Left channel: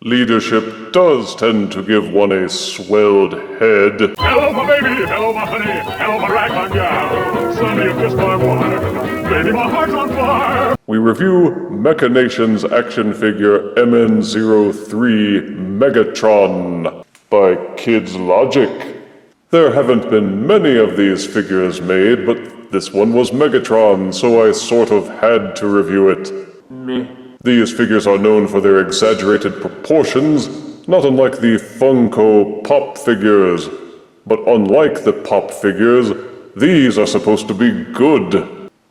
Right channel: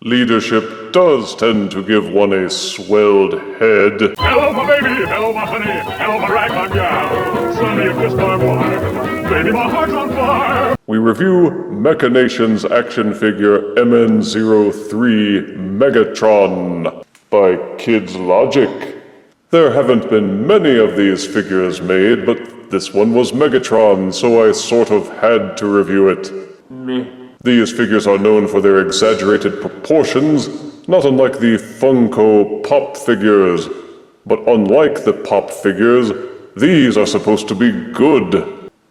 Leadership does tend to give one a swelled head. Hello, my baby! Hello, my honey! Hello, my ragtime gal! Suddenly you kissed my wife! Baby, my heart's on fire! We review Mecha Nations action figure MN03 Megatron by Kids Logic. There haven't been many of these figures made, but this one was Megatron, so I sort of had to review it. These figures are known for their exaggerated proportions, not unlike the Funko Pop figures. But unlike the Pop figures, these are supposed to be good.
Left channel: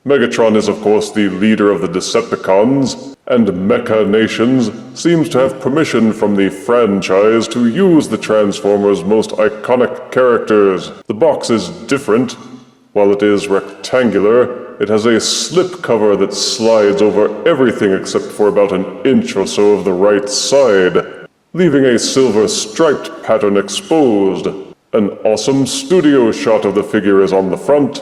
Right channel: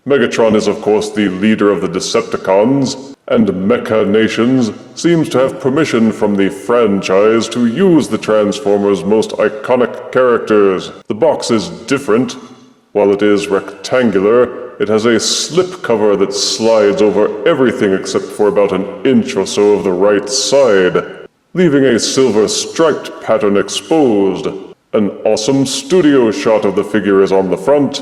Megatron is of course the leader of the Decepticons, and Mecha Nations seems to have permission from the franchise to use the Transformers' most iconic characters. The box is different. While it is rectangular, it has a slipcover that slides over everything except for about an inch or so of the right side, leaving a silver striped pattern exposed. An awesome studio shot of the figure is on the front.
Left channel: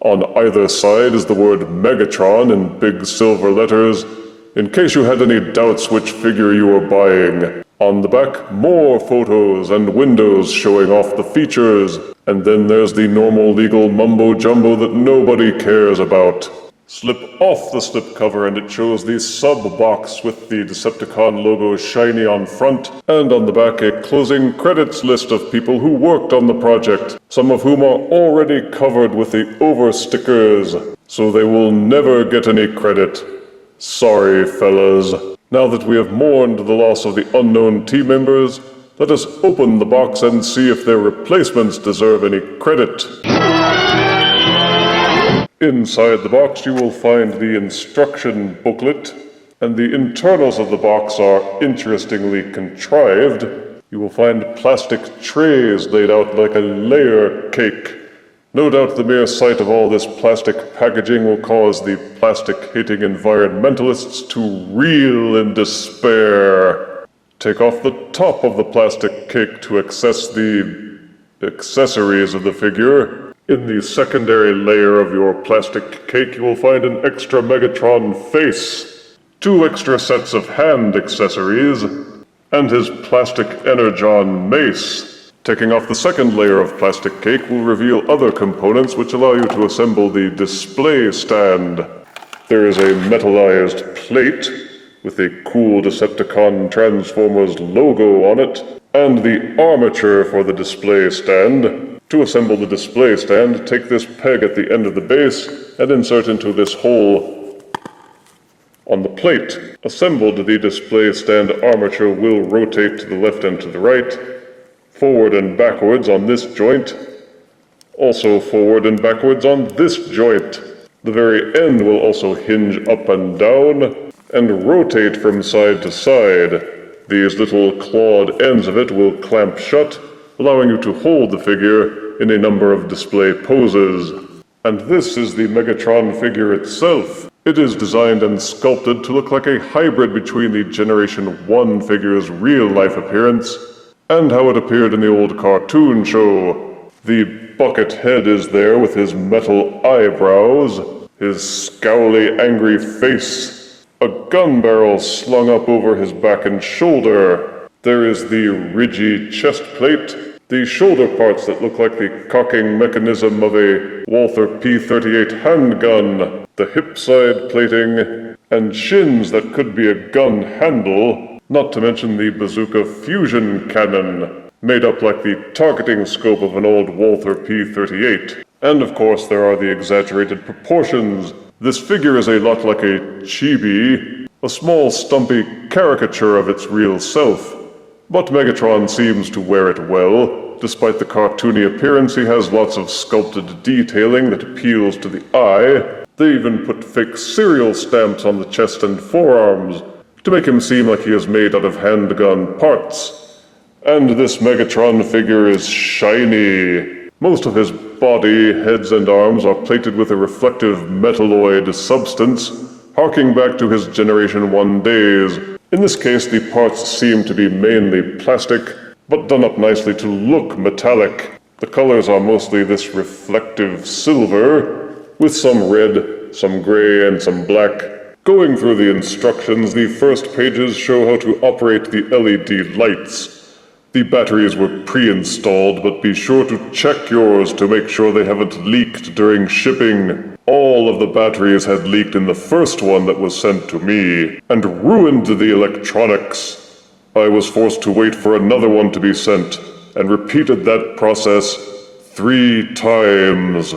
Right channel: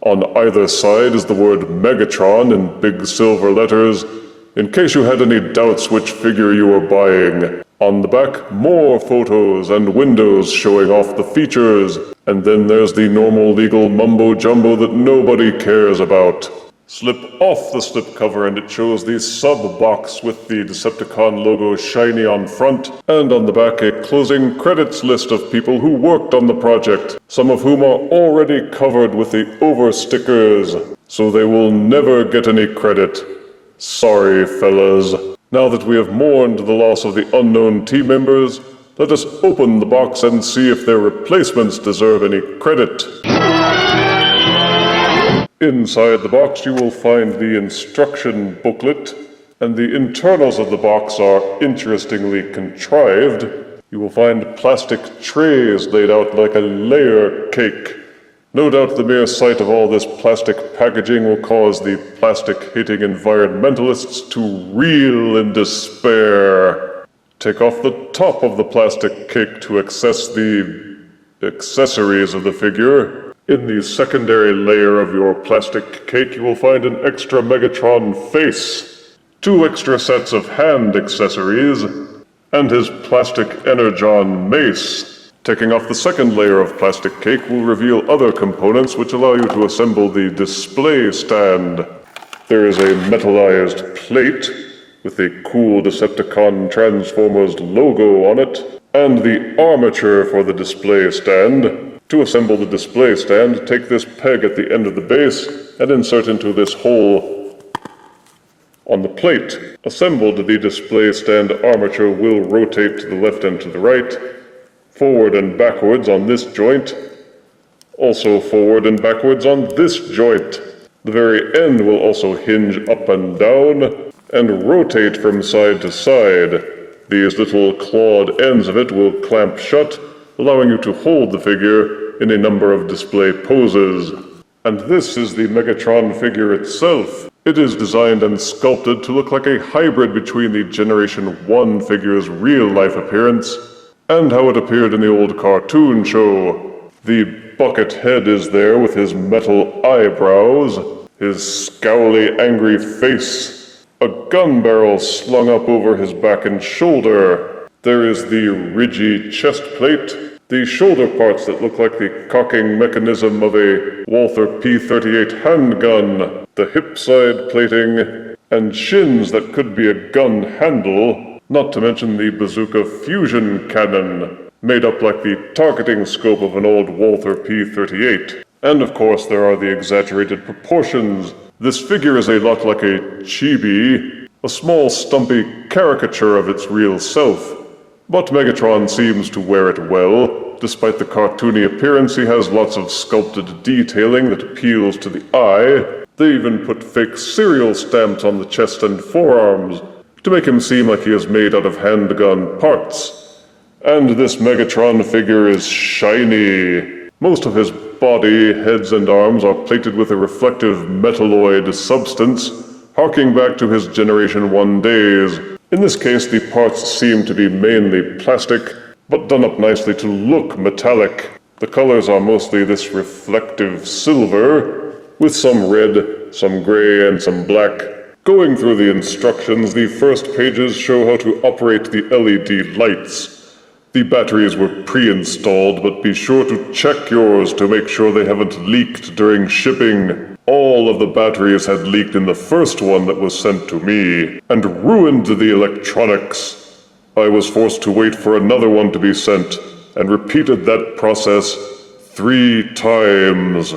On either side is the word Megatron in big silver letters, in case you had any doubts which figure you were buying. On the back, more photos and windows showing off the features. And then there's the normal legal mumbo-jumbo that nobody cares about. Slip off the slipcover and it shows the sub-box with the Decepticon logo shiny on front, and on the back a closing credits list of people who worked on the project, some of whom are already covered with the over stickers, so they will never get any credit. Sorry, fellas. Now that we have mourned the loss of the unknown team members, let us open the box and see if their replacements deserve any credit. Inside the box you will find the instruction booklet, and the internals of the box are interestingly contrived. You will find plastic trays laid out like a layer cake. No doubt the mere sight of all this plastic packaging will cause the plastic-hating environmentalists to reel in despair. Take off the top of the plastic cake to access the accessories of the figure. In the secondary layer of your plastic cake, you will find an extra Megatron face, 2 extra sets of hand accessories, and his plastic Energon mace. Taking off the second layer of plastic cake will reveal other components which allow you to assemble the display stand. There is a metallized plate with the cool Decepticon Transformers logo on it, and the armature for the display stand. To assemble the display stand, take this peg at the end of the base and insert into this hole on the plate. Assembled, the display stand armature will rotate to the left and to the right, forward and backwards on this joint, also forward and backwards on this joint. The very end will also hinge up and down and rotate from side to side. These little clawed ends of it will clamp shut, allowing you to hold the figure in a number of display poses. And this is the Megatron figure itself. It is designed and sculpted to look like a hybrid between the Generation 1 figure's real-life appearance and how it appeared in the old cartoon show. The bucket head is there with his metal eyebrows, his scowly, angry face, a gun barrel slung up over his back and shoulder. There is the ridgy chest plate, the shoulder parts that look like the cocking mechanism of a Walther P-38 handgun, the hip side plating, and shins that could be a gun handle, not to mention the bazooka fusion cannon, made up like the targeting scope of an old Walther P-38. And of course there are the exaggerated proportions. This figure is a lot like a chibi, a small stumpy caricature of its real self. But Megatron seems to wear it well. Despite the cartoony appearance, he has lots of sculpted detailing that appeals to the eye. They even put fake cereal stamps on the chest and forearms to make him seem like he is made out of handgun parts. And this Megatron figure is shiny. Most of his body, heads, and arms are plated with a reflective metalloid substance, harking back to his Generation 1 days. In this case, the parts seem to be mainly plastic, but done up nicely to look metallic. The colors are mostly this reflective silver, with some red, some gray, and some black. Going through the instructions, the first pages show how to operate the LED lights. The batteries were pre-installed, but be sure to check yours to make sure they haven't leaked during shipping. All of the batteries had leaked in the first one that was sent to me, and ruined the electronics. I was forced to wait for another one to be sent, and repeated that process 3 times.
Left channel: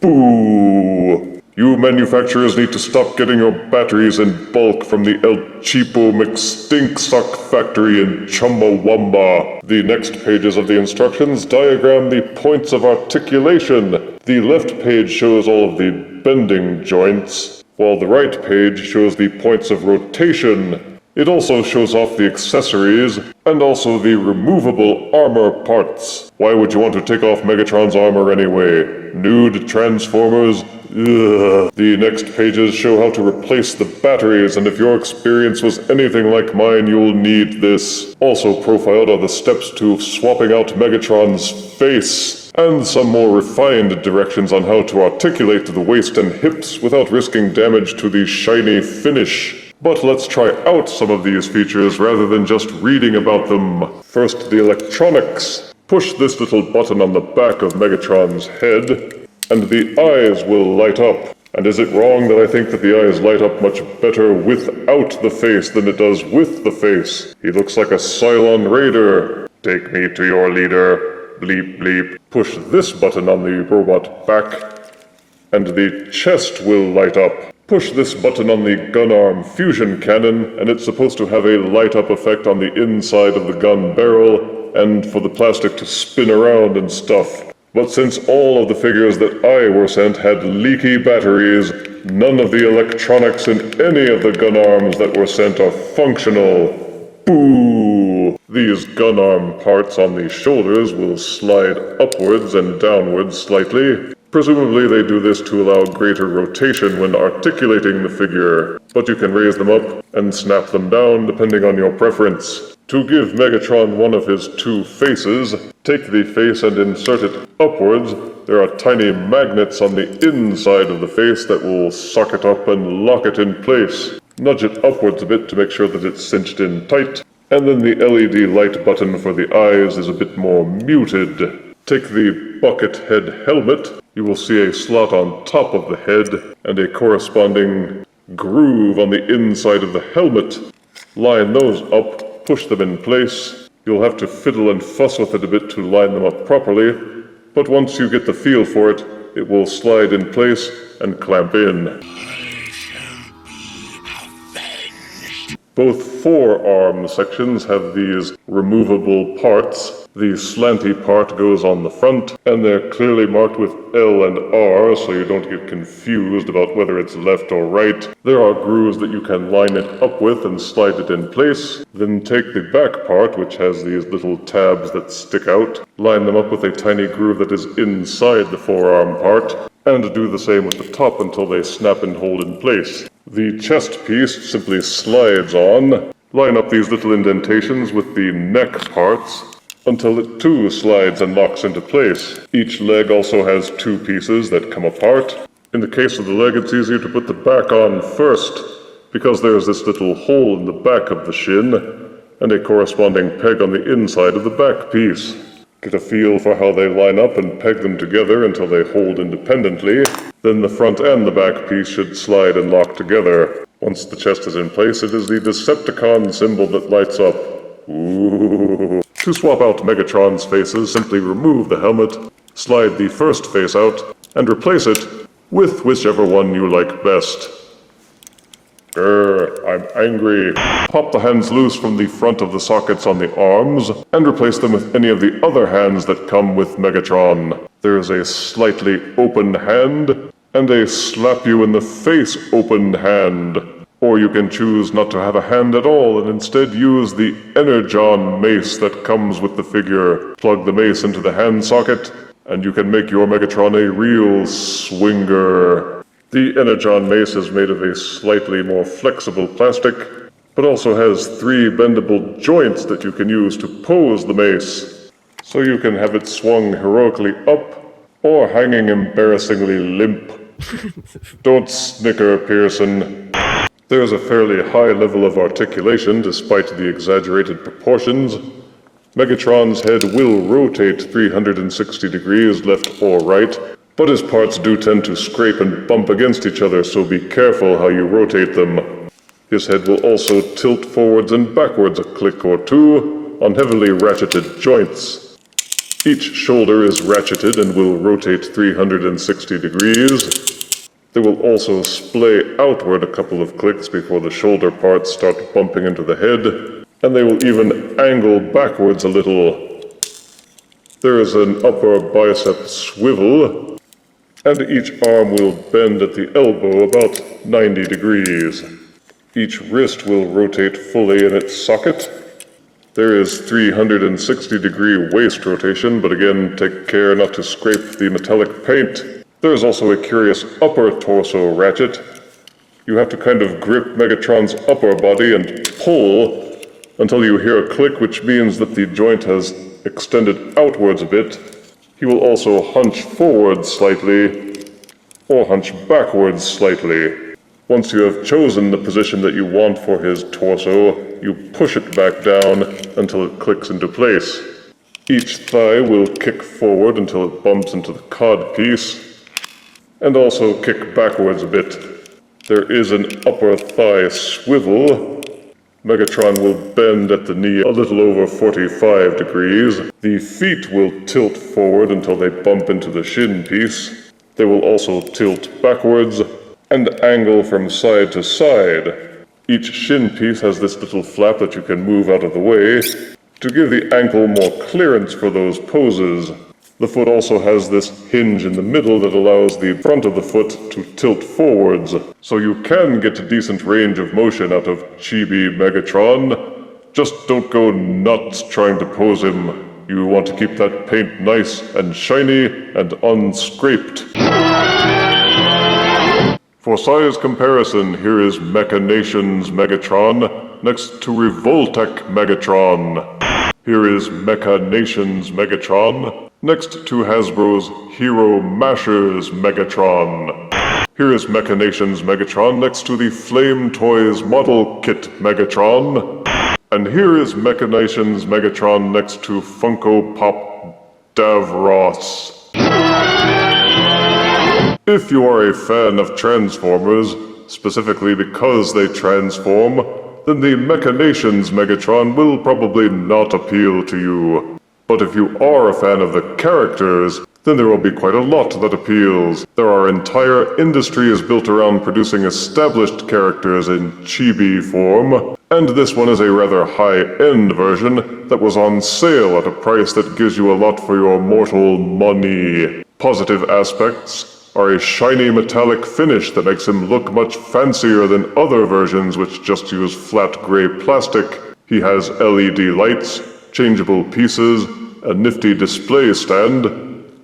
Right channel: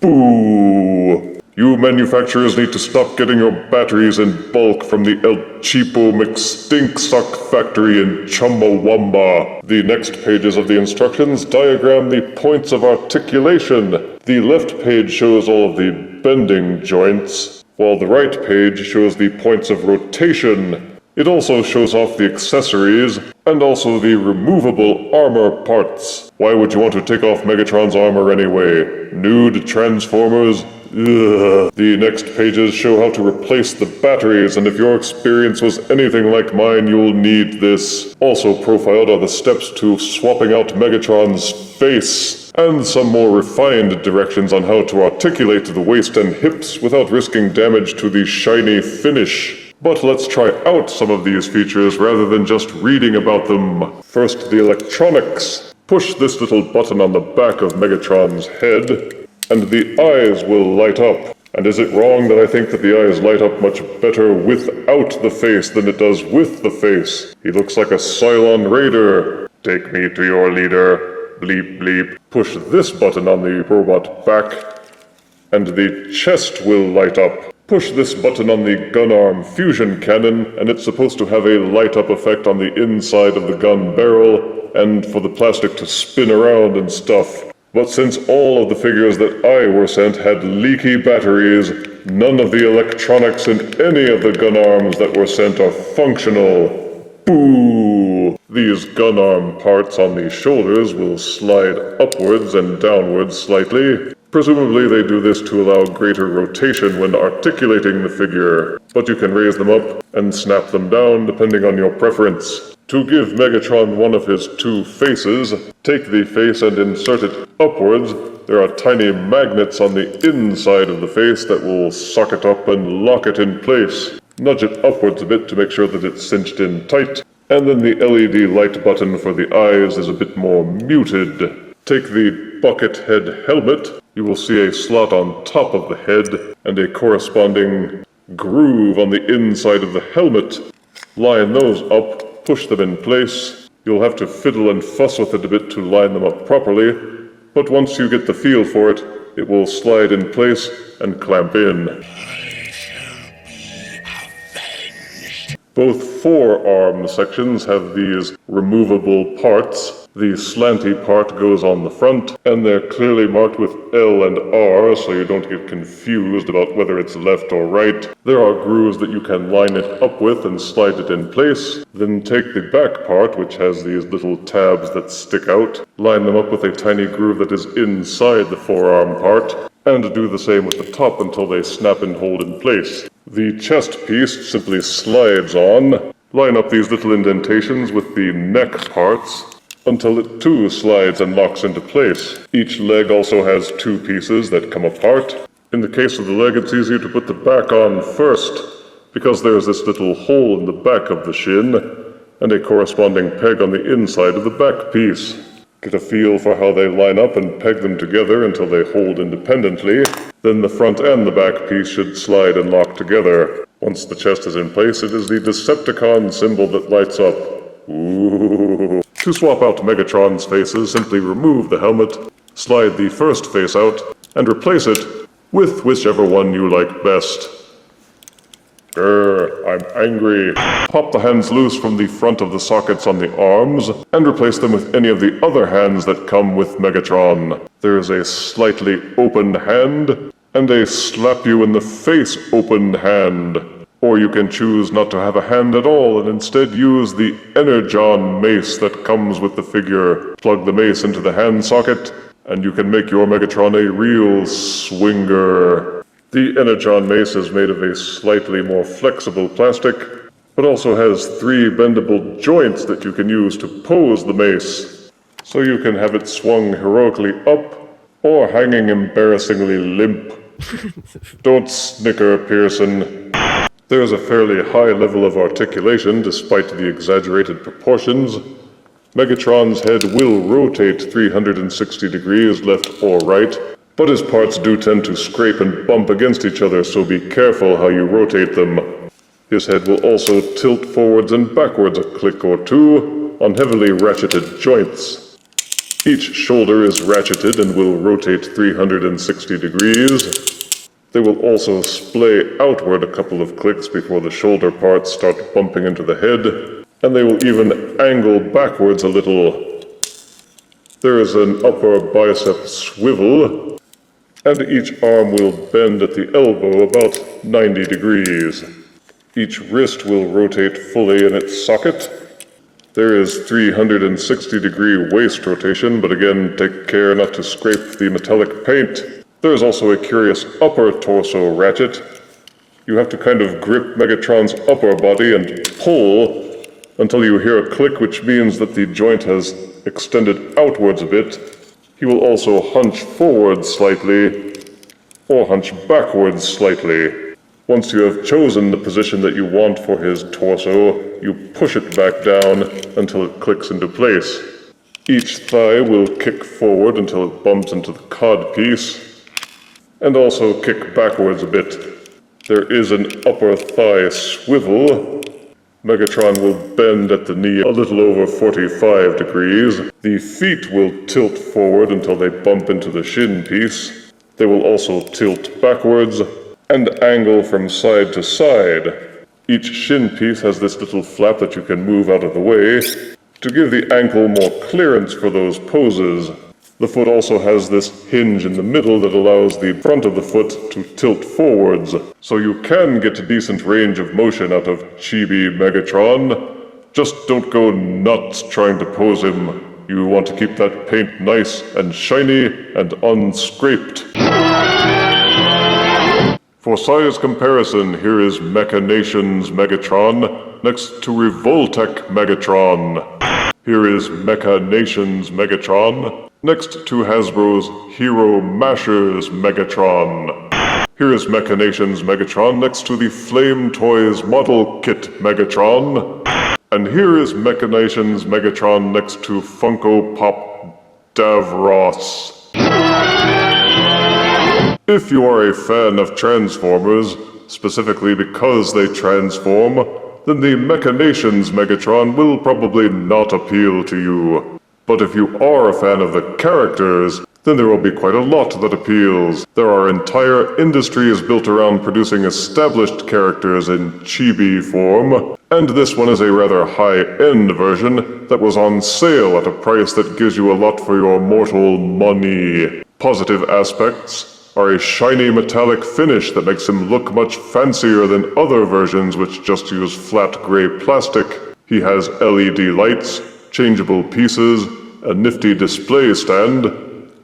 Boo! You manufacturers need to stop getting your batteries in bulk from the El Cheapo McStinksuck factory in Chumbawamba. The next pages of the instructions diagram the points of articulation. The left page shows all of the bending joints, while the right page shows the points of rotation. It also shows off the accessories, and also the removable armor parts. Why would you want to take off Megatron's armor anyway? Nude Transformers? Ugh. The next pages show how to replace the batteries, and if your experience was anything like mine, you'll need this. Also profiled are the steps to swapping out Megatron's face, and some more refined directions on how to articulate the waist and hips without risking damage to the shiny finish. But let's try out some of these features rather than just reading about them. First, the electronics. Push this little button on the back of Megatron's head, and the eyes will light up. And is it wrong that I think that the eyes light up much better without the face than it does with the face? He looks like a Cylon Raider. Take me to your leader. Bleep bleep. Push this button on the robot back, and the chest will light up. Push this button on the gun arm fusion cannon, and it's supposed to have a light up effect on the inside of the gun barrel, and for the plastic to spin around and stuff. But since all of the figures that I were sent had leaky batteries, none of the electronics in any of the gun arms that were sent are functional. Boo! These gun arm parts on the shoulders will slide upwards and downwards slightly. Presumably they do this to allow greater rotation when articulating the figure, but you can raise them up and snap them down depending on your preference. To give Megatron one of his 2 faces, take the face and insert it upwards. There are tiny magnets on the inside of the face that will suck it up and lock it in place. Nudge it upwards a bit to make sure that it's cinched in tight. And then the LED light button for the eyes is a bit more muted. Take the bucket head helmet. You will see a slot on top of the head and a corresponding groove on the inside of the helmet. Line those up, push them in place. You'll have to fiddle and fuss with it a bit to line them up properly, but once you get the feel for it, it will slide in place and clamp in. Both forearm sections have these removable parts. The slanty part goes on the front, and they're clearly marked with L and R so you don't get confused about whether it's left or right. There are grooves that you can line it up with and slide it in place. Then take the back part, which has these little tabs that stick out, line them up with a tiny groove that is inside the forearm part, and do the same with the top until they snap and hold in place. The chest piece simply slides on. Line up these little indentations with the neck parts until it too slides and locks into place. Each leg also has 2 pieces that come apart. In the case of the leg, it's easier to put the back on first, because there is this little hole in the back of the shin, and a corresponding peg on the inside of the back piece. Get a feel for how they line up and peg them together until they hold independently. Then the front and the back piece should slide and lock together. Once the chest is in place, it is the Decepticon symbol that lights up. Ooh. To swap out Megatron's faces, simply remove the helmet, slide the first face out, and replace it with whichever one you like best. I'm angry. Pop the hands loose from the front of the sockets on the arms, and replace them with any of the other hands that come with Megatron. There's a slightly opened hand, and a slap-you-in-the-face opened hand. Or you can choose not to have a hand at all and instead use the Energon mace that comes with the figure. Plug the mace into the hand socket, and you can make your Megatron a real swinger. The Energon mace is made of a slightly more flexible plastic, but also has 3 bendable joints that you can use to pose the mace. So you can have it swung heroically up, or hanging embarrassingly limp. Don't snicker, Pearson. There's a fairly high level of articulation despite the exaggerated proportions. Megatron's head will rotate 360 degrees left or right, but his parts do tend to scrape and bump against each other, so be careful how you rotate them. His head will also tilt forwards and backwards a click or two on heavily ratcheted joints. Each shoulder is ratcheted and will rotate 360 degrees. They will also splay outward a couple of clicks before the shoulder parts start bumping into the head, and they will even angle backwards a little. There is an upper bicep swivel, and each arm will bend at the elbow about 90 degrees. Each wrist will rotate fully in its socket. There is 360-degree waist rotation, but again, take care not to scrape the metallic paint. There's also a curious upper torso ratchet. You have to kind of grip Megatron's upper body and pull until you hear a click, which means that the joint has extended outwards a bit. He will also hunch forward slightly, or hunch backwards slightly. Once you have chosen the position that you want for his torso, you push it back down until it clicks into place. Each thigh will kick forward until it bumps into the codpiece, and also kick backwards a bit. There is an upper thigh swivel. Megatron will bend at the knee a little over 45 degrees. The feet will tilt forward until they bump into the shin piece. They will also tilt backwards and angle from side to side. Each shin piece has this little flap that you can move out of the way to give the ankle more clearance for those poses. The foot also has this hinge in the middle that allows the front of the foot to tilt forwards, so you can get a decent range of motion out of Chibi Megatron. Just don't go nuts trying to pose him. You want to keep that paint nice and shiny and unscraped. For size comparison, here is Mecha Nations Megatron next to Revoltech Megatron. Here is Mecha Nations Megatron next to Hasbro's Hero Mashers Megatron. Here is Mecha Nations Megatron next to the Flame Toys Model Kit Megatron. And here is Mecha Nations Megatron next to Funko Pop Davros. If you are a fan of Transformers, specifically because they transform, then the Mecha Nations Megatron will probably not appeal to you. But if you are a fan of the characters, then there will be quite a lot that appeals. There are entire industries built around producing established characters in chibi form, and this one is a rather high-end version that was on sale at a price that gives you a lot for your mortal money. Positive aspects are a shiny metallic finish that makes him look much fancier than other versions which just use flat gray plastic. He has LED lights, changeable pieces, a nifty display stand,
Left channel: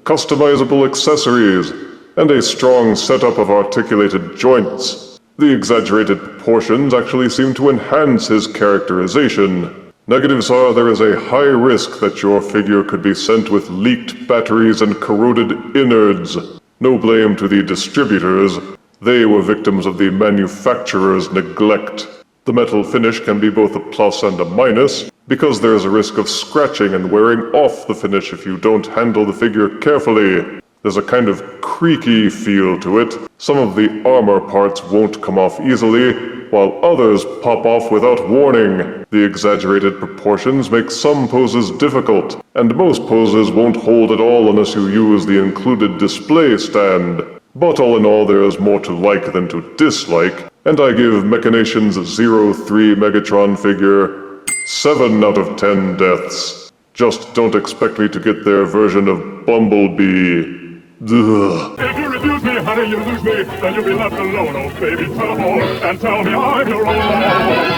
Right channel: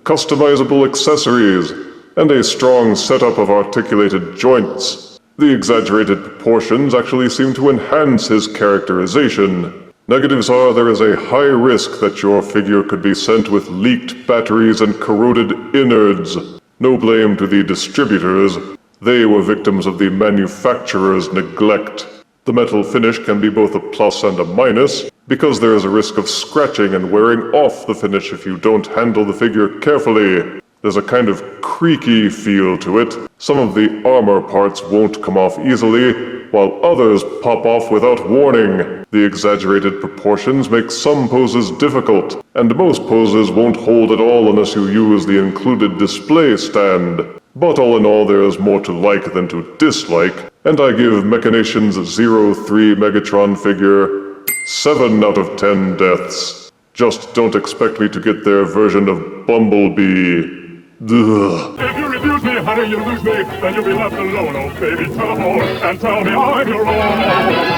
customizable accessories, and a strong setup of articulated joints. The exaggerated proportions actually seem to enhance his characterization. Negatives are there is a high risk that your figure could be sent with leaked batteries and corroded innards. No blame to the distributors. They were victims of the manufacturer's neglect. The metal finish can be both a plus and a minus, because there is a risk of scratching and wearing off the finish if you don't handle the figure carefully. There's a kind of creaky feel to it. Some of the armor parts won't come off easily, while others pop off without warning. The exaggerated proportions make some poses difficult, and most poses won't hold at all unless you use the included display stand. But all in all, there is more to like than to dislike, and I give Mecha Nations 03 Megatron figure 7 out of 10 deaths. Just don't expect me to get their version of Bumblebee. Ugh. If you refuse me, honey, you lose me. Then you'll be left alone, oh baby. Tell them all and tell me I'm your own.